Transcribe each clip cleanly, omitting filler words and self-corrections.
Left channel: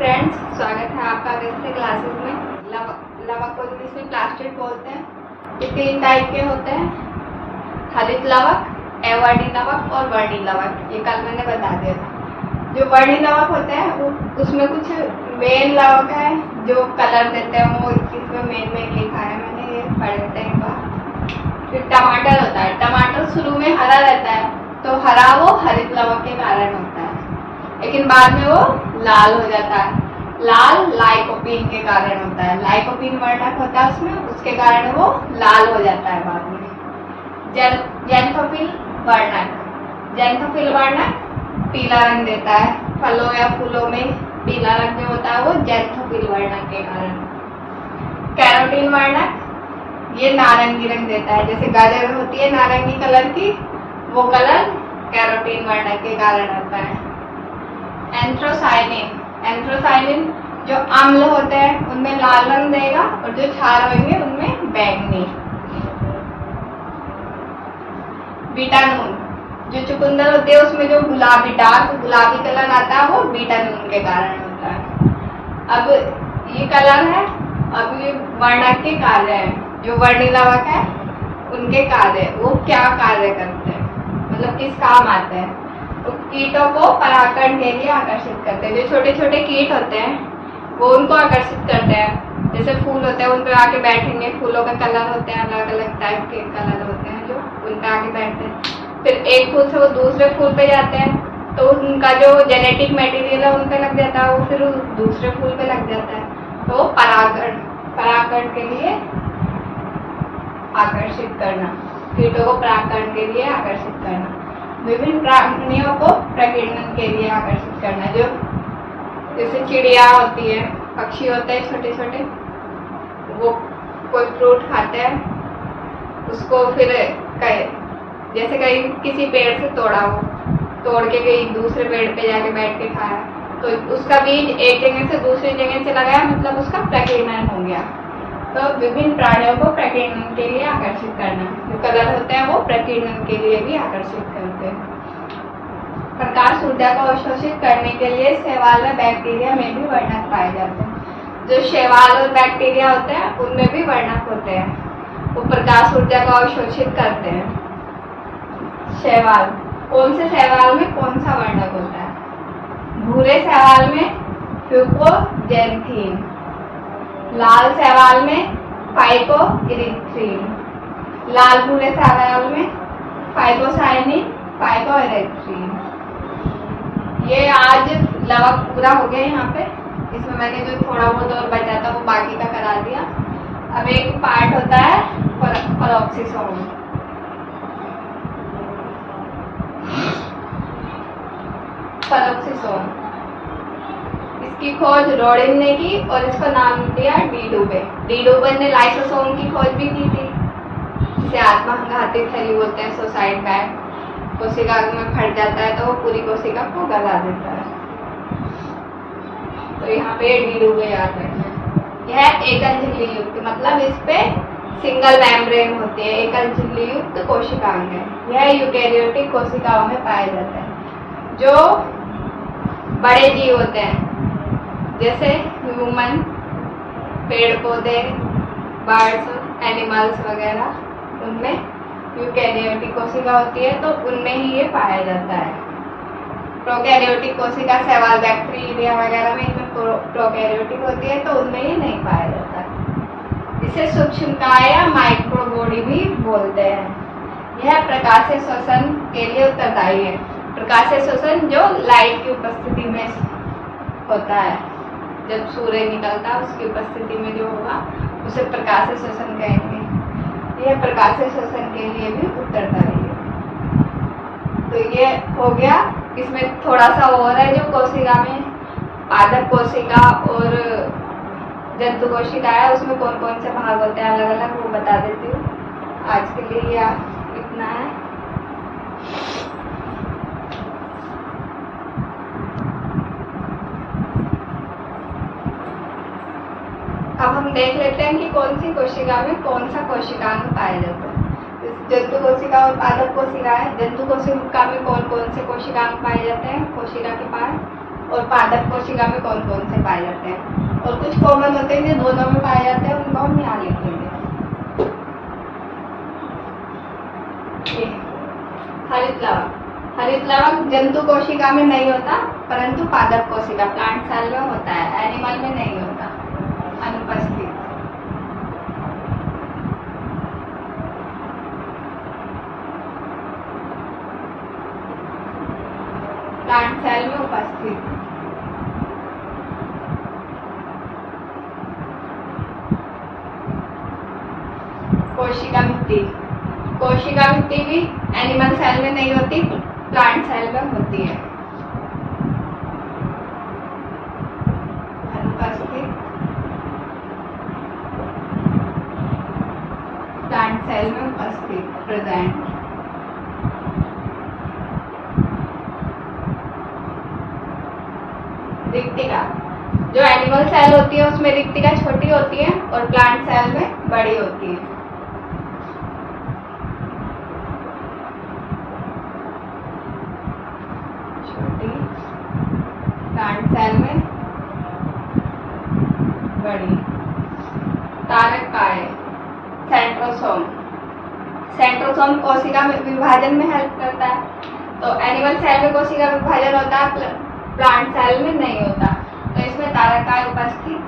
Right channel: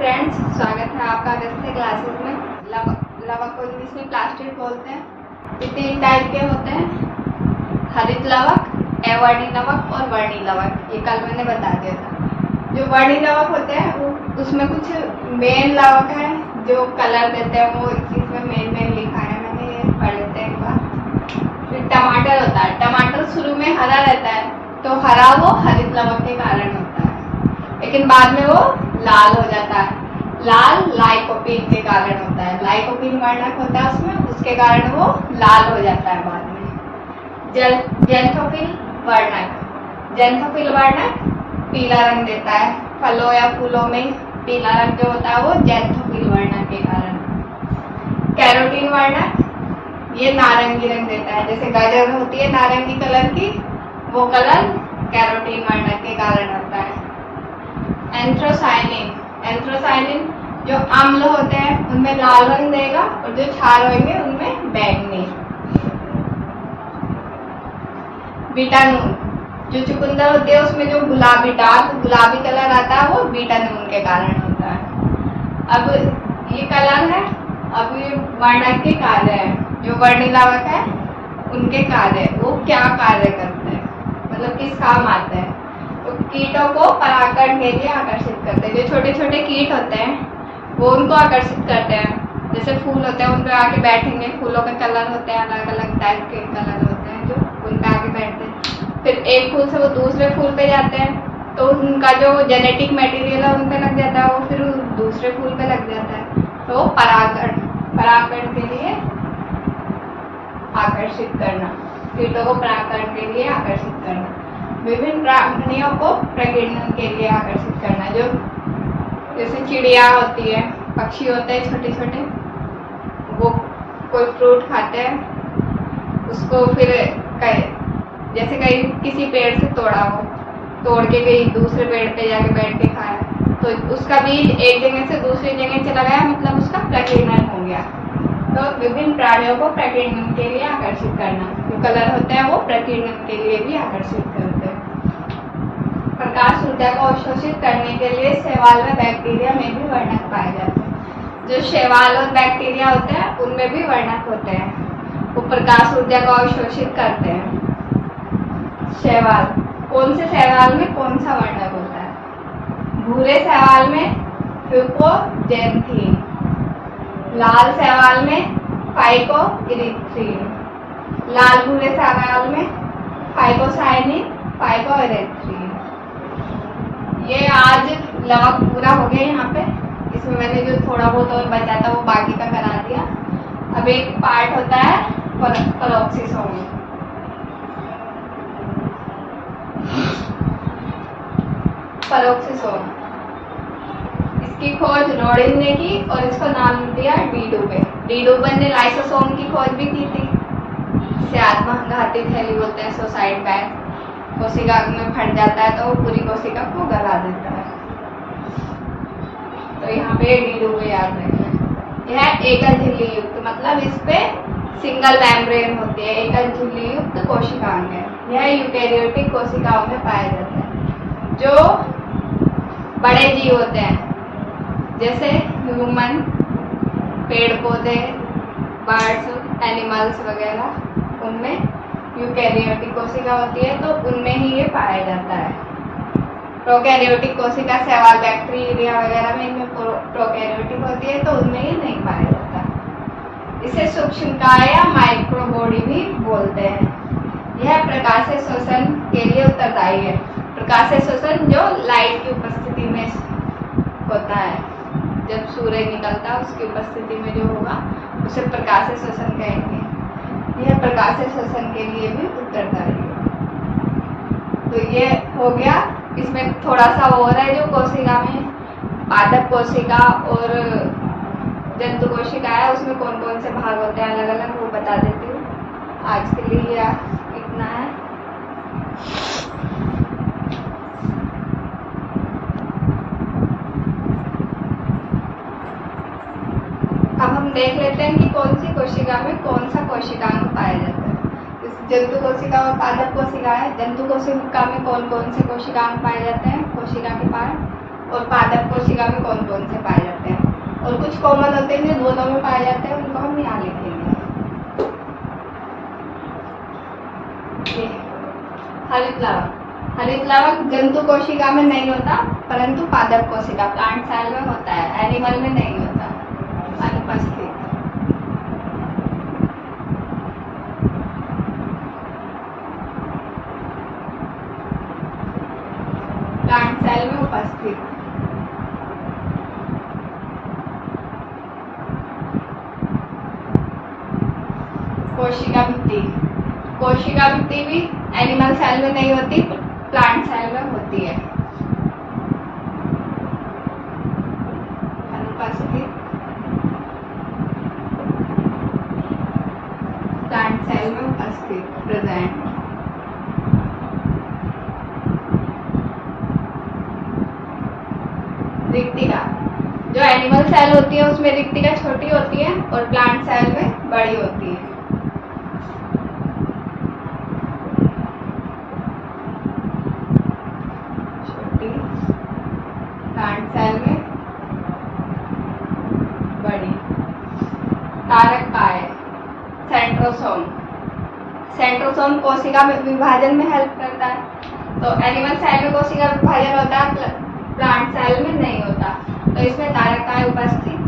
Friends, स्वागत है आपका अगस्त क्लासेस में। लवक को इंग्लिश में प्लास्टिड बोलते हैं। ये 3 टाइप के होते हैं, हरित लवक, अवर्णी लवक और वर्णी लवक। ये कल मैंने बता दिया था। जो वर्णी लवक होते हैं वो उसमें कुछ मेन लवक है जो कलर देते हैं, वो इसमें मेन लिखा है, मैंने ये पढ़े थे एक बार। फिर टमाटर होता है। टमाटर शुरू में हरा रहता है तो हरा वो हरित लवक के कारण होता है, लेकिन बाद में वो लाल हो जाता है। लाल लाइकोपीन के कारण होता है। लाइकोपीन वर्णक होता है उसमें, उसके कारण वो लाल हो जाता है बाद में। ज़ैंथोफिल वर्णक पीला रंग देता है। फलों या फूलों में पीला रंग जो होता है वो ज़ैंथोफिल वर्णक के कारण। कैरोटीन वर्णक ये नारंगी रंग देता है। जैसे गाजर होती है नारंगी कलर की, वो कलर कैरोटीन वर्णक के कारण होता है। एंथ्रोसाइलिन जो अम्ल होते हैं उनमें लाल रंग देगा और जो क्षार होंगे उनमें बैंगनी। बीटानून जो चुकंदर होती है उसमें जो गुलाबी कलर आता है वो बीटानून के कारण होता है। अब ये कलर है, अब ये वर्णक के कार्य है। जो वर्णी लवक है उनके कार्य, वो क्या कार्य करते हैं, मतलब किस काम आते हैं। तो कीटों को परागण के लिए आकर्षित करते हैं। जो छोटे छोटे कीट होते हैं वो उनको आकर्षित करते हैं। जैसे फूल होते हैं उन पे आके बैठेंगे, फूलों के कलर होते हैं, अलग अलग टाइप के कलर होते हैं जो उन पे आके बैठते हैं। फिर एक फूल से वो दूसरे फूल पे जाते हैं तो उनका जो जेनेटिक मटेरियल है उन पे लग जाता है, वो फिर दूसरे फूल पे लग जाता है। तो परागण के लिए आकर्षित करना, कीटों को परागण के लिए आकर्षित करना। विभिन्न प्राणियों को प्रकीर्णन के लिए आकर्षित करना। जो जैसे चिड़िया होती है, पक्षी होते हैं छोटे छोटे, वो कोई फ्रूट खाते हैं, उसको फिर जैसे कहीं किसी पेड़ से तोड़ के कहीं दूसरे पेड़ पे जाके बैठ के खाया, तो उसका बीज एक जगह से दूसरी जगह चला गया, मतलब उसका प्रकीर्णन हो गया। तो विभिन्न प्राणियों को प्रकीर्णन के लिए आकर्षित करना। जो कलर होते हैं वो प्रकीर्णन के लिए भी आकर्षित करते हैं। प्रकाश ऊर्जा को अवशोषित करने के लिए शैवाल में बैक्टीरिया में भी वर्णक पाए जाते हैं। जो शैवाल और बैक्टीरिया होते हैं उनमें भी वर्णक होते हैं, वो प्रकाश ऊर्जा को अवशोषित करते हैं। शैवाल, कौन से शैवाल में कौन सा वर्णक होता है? भूरे शैवाल में फ्यूकोजेंथीन, लाल शैवाल में फाइकोइरिथ्रीन, लाल भूरे शैवाल में फाइकोसाइनिन, फाइकोइरिथ्रीन। ये आज लवक पूरा हो गया यहाँ पे। इसमें मैंने जो थोड़ा बहुत और बचा था वो बाकी का करा दिया। अब एक पार्ट होता है पेरोक्सीसोम। पेरोक्सीसोम, इसकी खोज रोडिन ने की और इसको नाम दिया डी डुबे ने लाइसोसोम की खोज भी की थी। इसे आत्मघाती थैली बोलते हैं, सुसाइड बैग। कोशिका में फट जाता है तो वो पूरी कोशिका को गला देता है। तो यहाँ पे डी डुबे याद रखें। यह एकल झिल्ली युक्त, मतलब इस पे सिंगल मेम्ब्रेन होती है, एकल झिल्ली युक्त कोशिकाएं हैं। यह यूकेरियोटिक कोशिकाओं में पाए जाते हैं। जो बड़े जीव होते हैं जैसे ह्यूमन, पेड़ पौधे, बर्ड्स, एनिमल्स वगैरह, उनमें यूकेरियोटिक कोशिका होती है तो उनमें ही ये पाया जाता है। प्रोकैरियोटिक कोशिका शैवाल, बैक्टीरिया वगैरह में, इनमें प्रोकैरियोटिक होती है तो उनमें ये नहीं पाया जाता। इसे सूक्ष्मकाय या माइक्रोबॉडी भी बोलते हैं। यह प्रकाशीय श्वसन के लिए उत्तरदायी है। प्रकाशीय श्वसन जो लाइट की उपस्थिति में होता है, जब सूर्य निकलता है उसकी उपस्थिति में जो होगा उसे प्रकाशीय श्वसन कहेंगे। यह प्रकाशीय श्वसन के लिए भी उत्तरदायी है। तो ये हो गया। इसमें थोड़ा सा और है जो कोशिका में पादप कोशिका और जंतु कोशिका है, उसमें कौन कौन से भाग होते हैं अलग अलग, वो बता देती हूँ। आज के लिए इतना है। अब हम देख लेते हैं कि कौन सी कोशिका में कौन सा कोशिकांग पाया जाता है। जंतु कोशिका और पादप कोशिका है। जंतु कोशिका में कौन कौन से कोशिकांग पाए जाते हैं? कोशिका के पार और पादप कोशिका में कौन कौन से पाए जाते हैं, और कुछ कॉमन होते हैं जो दोनों में पाए जाते हैं, उनको हम यहाँ लिखेंगे। हरित लवक, हरित लवक जंतु कोशिका में नहीं होता परंतु पादप कोशिका प्लांट सेल में होता है, एनिमल में नहीं होता, अनुपस्थित। प्लांट सेल में उपस्थित। कोशिका भित्ति, कोशिका भित्ति भी एनिमल सेल में नहीं होती, प्लांट सेल में होती है, अनुपस्थित। प्लांट सेल में उपस्थित, प्रेजेंट। रिक्तिका, जो एनिमल सेल होती है उसमें रिक्तिका छोटी होती है और प्लांट सेल में बड़ी होती है। छोटी, प्लांट सेल में बड़ी। कारक काय है? सेंट्रोसोम, सेंट्रोसोम कोशिका में विभाजन में हेल्प करता है। तो एनिमल सेल में कोशिका विभाजन होता है, प्लांट सेल में नहीं होता, तो इसमें कारक काय उपस्थित।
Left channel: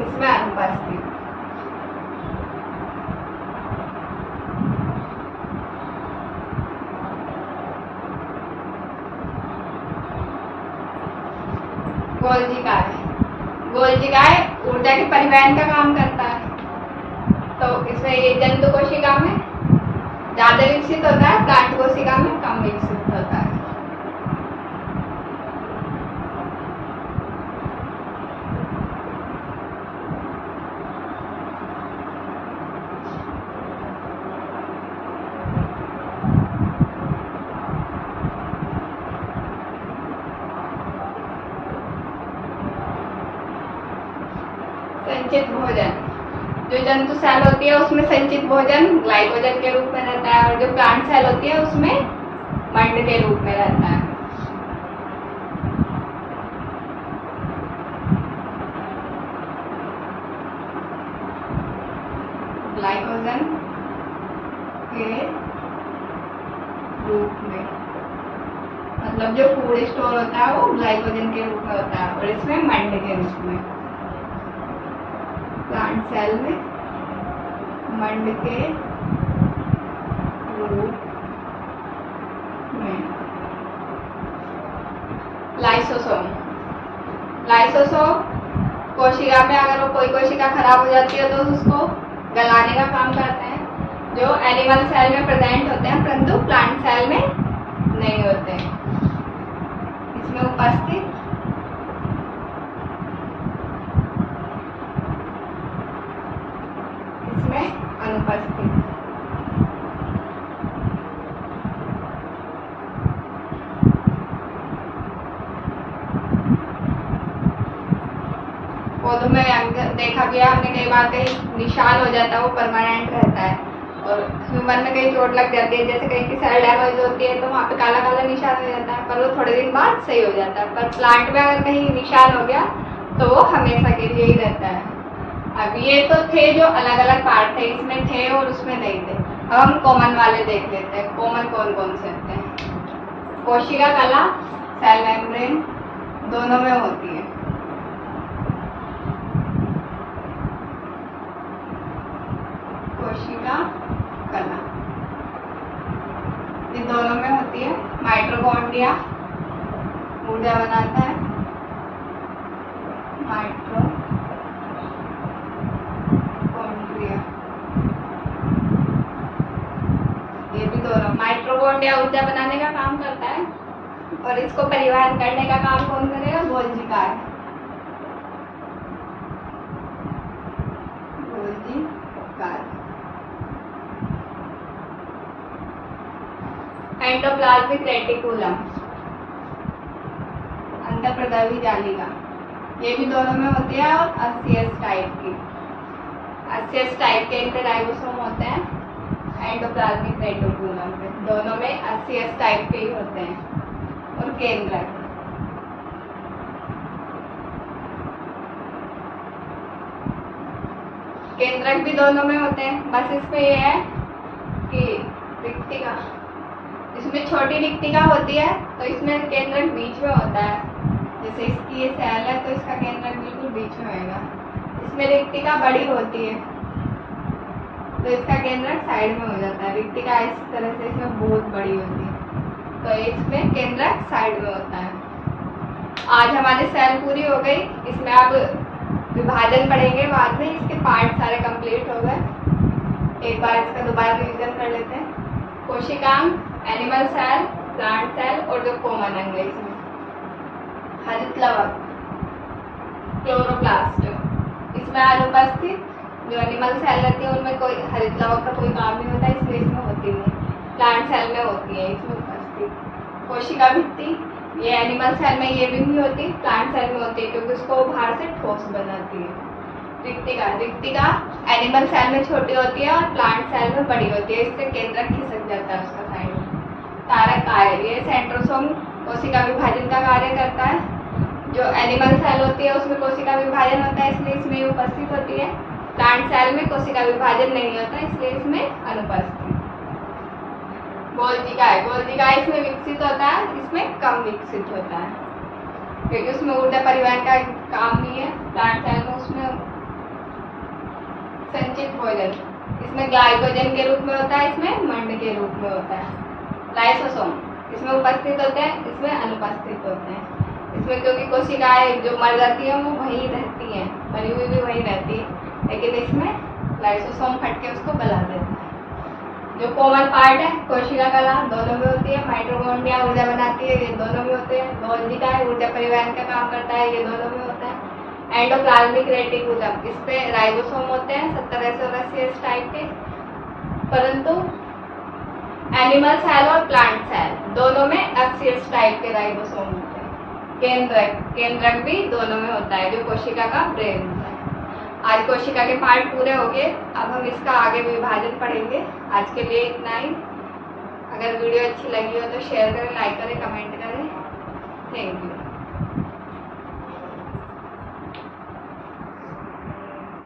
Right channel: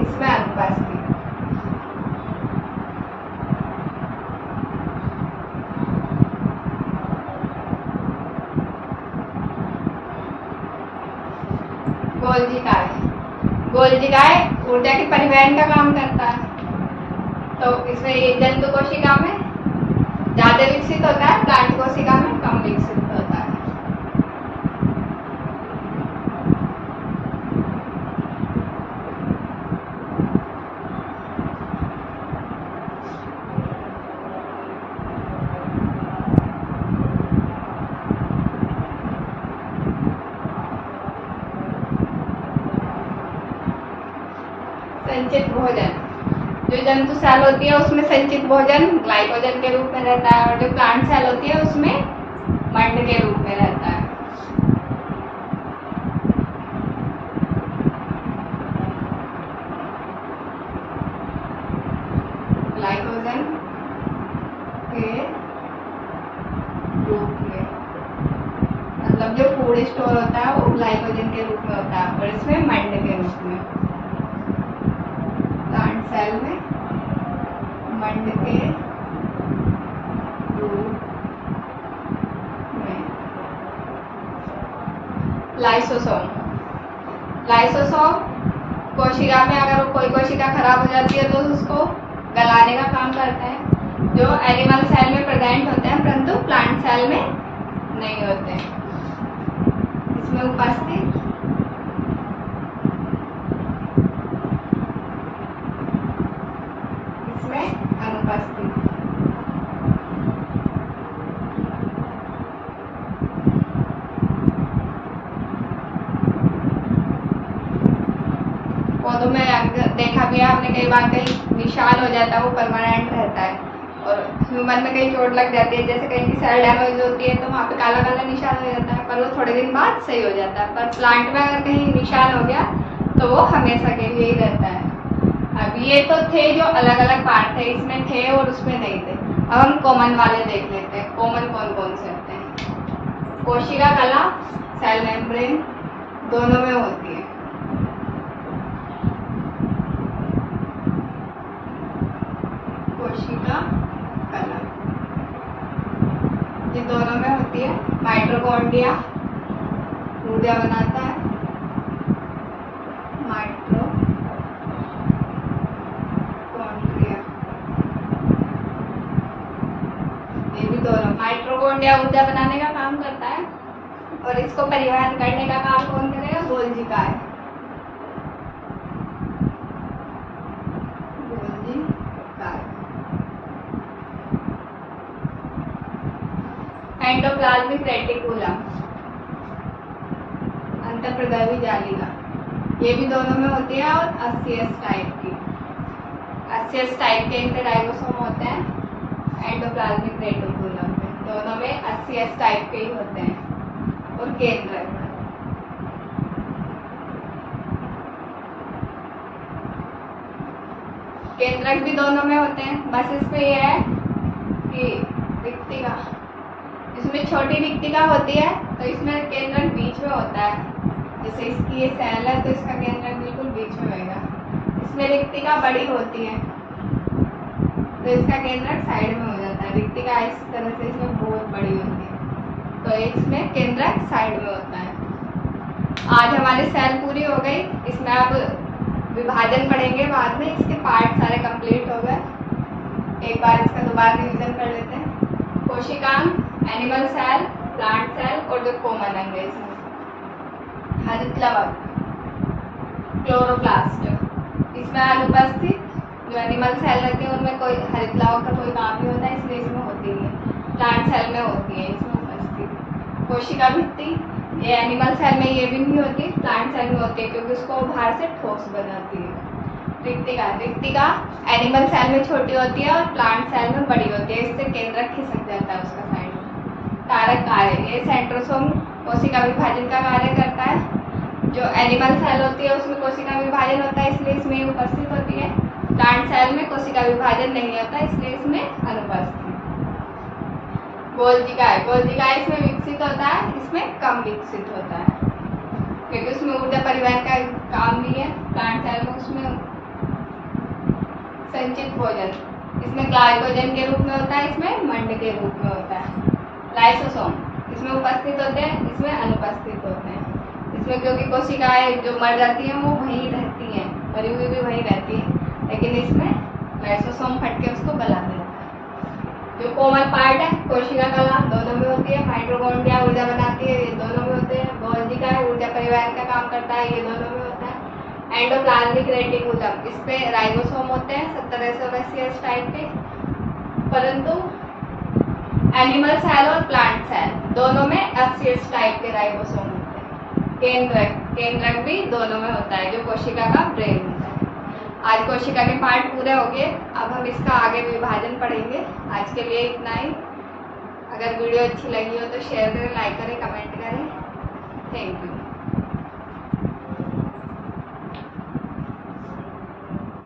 इसमें अनुपस्थित। गोल्जी काय, गोल्जी काय ऊर्जा के परिवहन का काम करता है। तो इसमें ये जंतु कोशिका में ज्यादा विकसित होता है, प्लांट कोशिका में कम विकसित होता है। संचित भोजन, जो जंतु सेल होती है उसमें संचित भोजन ग्लाइकोजन के रूप में रहता है, और जो प्लांट सेल होती है उसमें मंड के रूप में रहता है। ग्लाइकोजन के रूप में, मतलब जो फूड स्टोर होता है वो ग्लाइकोजन के रूप में होता है, और इसमें मंड के रूप में। प्लांट सेल में मंड के रूप में। लाइसोसोम, लाइसोसोम कोशिका में अगर कोई कोशिका खराब हो जाती है तो उसको गलाने का काम करते हैं, जो एनिमल सेल में प्रेजेंट होते हैं परंतु प्लांट सेल में नहीं होते हैं। इसमें उपस्थित। इसमें अनुपस्थित। पौधों में देखा गया हमने कई बार, कहीं निशान हो जाता है वो परमानेंट रहता है, और ह्यूमन में कहीं चोट लग जाती है, जैसे कहीं की सेल डैमेज होती है तो वहाँ पे काला काला निशान हो जाता है, पर वो थोड़े दिन बाद सही हो जाता है। पर प्लांट में अगर कहीं निशान हो गया तो वो हमेशा के लिए ही रहता है। अब ये तो थे जो अलग अलग पार्ट थे, इसमें थे और उसमें नहीं थे। अब हम कॉमन वाले देख लेते हैं, कॉमन कौन कौन से होते हैं। कोशिका कला, सेल मेम्ब्रेन दोनों में होती है। कोशिका कला ये दोनों में होती है। माइटोकॉन्ड्रिया ऊर्जा बनाता है, ये भी दोनों। माइटोकॉन्ड्रिया ऊर्जा बनाने का काम करता है, और इसको परिवहन करने का काम कौन करेगा? गोल्जी काय। गोल्जी काय। एंडोप्लाज्मिक रेटिकुलम अंतःप्रद्रवी जालिका, ये भी दोनों में होती है, और अस्सियस टाइप की। अस्सियस टाइप के इंटरराइबोसोम होते हैं, एंडोप्लाज्मिक रेटिकुलम पे। दोनों में SCS टाइप के ही होते हैं। और केंद्रक, केंद्रक भी दोनों में होते हैं, बस इसमें यह है कि रिक्तिका, इसमें छोटी रिक्तिका होती है तो इसमें केंद्रक बीच में होता है। जैसे इसकी ये सेल है तो इसका केंद्रक बिल्कुल बीच में होगा। इसमें रिक्तिका बड़ी होती है तो इसका केंद्रक साइड में हो जाता है। रिक्तिका इस तरह से इसमें बहुत बड़ी होती है तो इसमें केंद्रक साइड में होता है। आज हमारी सेल पूरी हो गई। इसमें अब विभाजन पढ़ेंगे बाद में। इसके पार्ट सारे कंप्लीट हो गए। एक बार इसका दोबारा रिवीजन कर लेते हैं। कोशिकांग, एनिमल सेल, प्लांट सेल और जो कॉमन अंग है इसमें हरित लवक, क्लोरोप्लास्ट, इसमें अनुपस्थित। जो एनिमल सेल रहती है उनमें कोई हरित लवक का कोई काम नहीं होता, इसलिए इसमें होती नहीं। प्लांट सेल में होती है, इसमें उपस्थित। कोशिका भित्ति, ये एनिमल सेल में ये भी नहीं होती, प्लांट सेल में होती है क्योंकि उसको बाहर से ठोस बनाती है। रिक्तिका, रिक्तिका एनिमल सेल में छोटी होती है और प्लांट सेल में बड़ी होती है, इससे केंद्रक खिसक जाता है उसका साइड में। तारक कार्य, ये सेंट्रोसोम कोशिका विभाजन का कार्य करता है। जो एनिमल सेल होती है उसमें कोशिका विभाजन होता है, इसलिए इसमें उपस्थित होती है। प्लांट सेल में कोशिका विभाजन नहीं होता, इसलिए इसमें अनुपस्थित। गोल्जिकाय, गोल्जिकाय इसमें विकसित होता है, इसमें कम विकसित होता है क्योंकि उसमें ऊर्जा परिवहन का काम नहीं है। प्लांट सेल में उसमें संचित भोजन, इसमें ग्लाइकोजन के रूप में होता है, इसमें मंड के रूप में होता है। लाइसोसोम, इसमें उपस्थित होते हैं, इसमें अनुपस्थित होते हैं। इसमें क्योंकि कोशिकाएं जो मर जाती हैं वो वहीं रहती हैं, मरी हुई भी वहीं रहती है, लेकिन इसमें लाइसोसोम फट के उसको गला देता है। जो कॉमन पार्ट है कोशिका कला दोनों में होती है। माइटोकॉन्ड्रिया ऊर्जा बनाती है, ये दोनों में होते हैं। गोल्जी ऊर्जा परिवहन का काम करता है, ये दोनों में होता है। एंडोप्लाज्मिक रेटिकुलम, इस पे राइबोसोम होते हैं 70 से 80 टाइप के। परंतु एनिमल सेल और प्लांट सेल दोनों में 80 टाइप के राइबोसोम होते हैं। केंद्रक, केंद्रक भी दोनों में होता है जो कोशिका का ब्रेन होता है। आज कोशिका के पार्ट पूरे हो गए, अब हम इसका आगे विभाजन पढ़ेंगे। आज के लिए इतना ही। अगर वीडियो अच्छी लगी हो तो शेयर करें, लाइक करें, कमेंट करें। Thank you.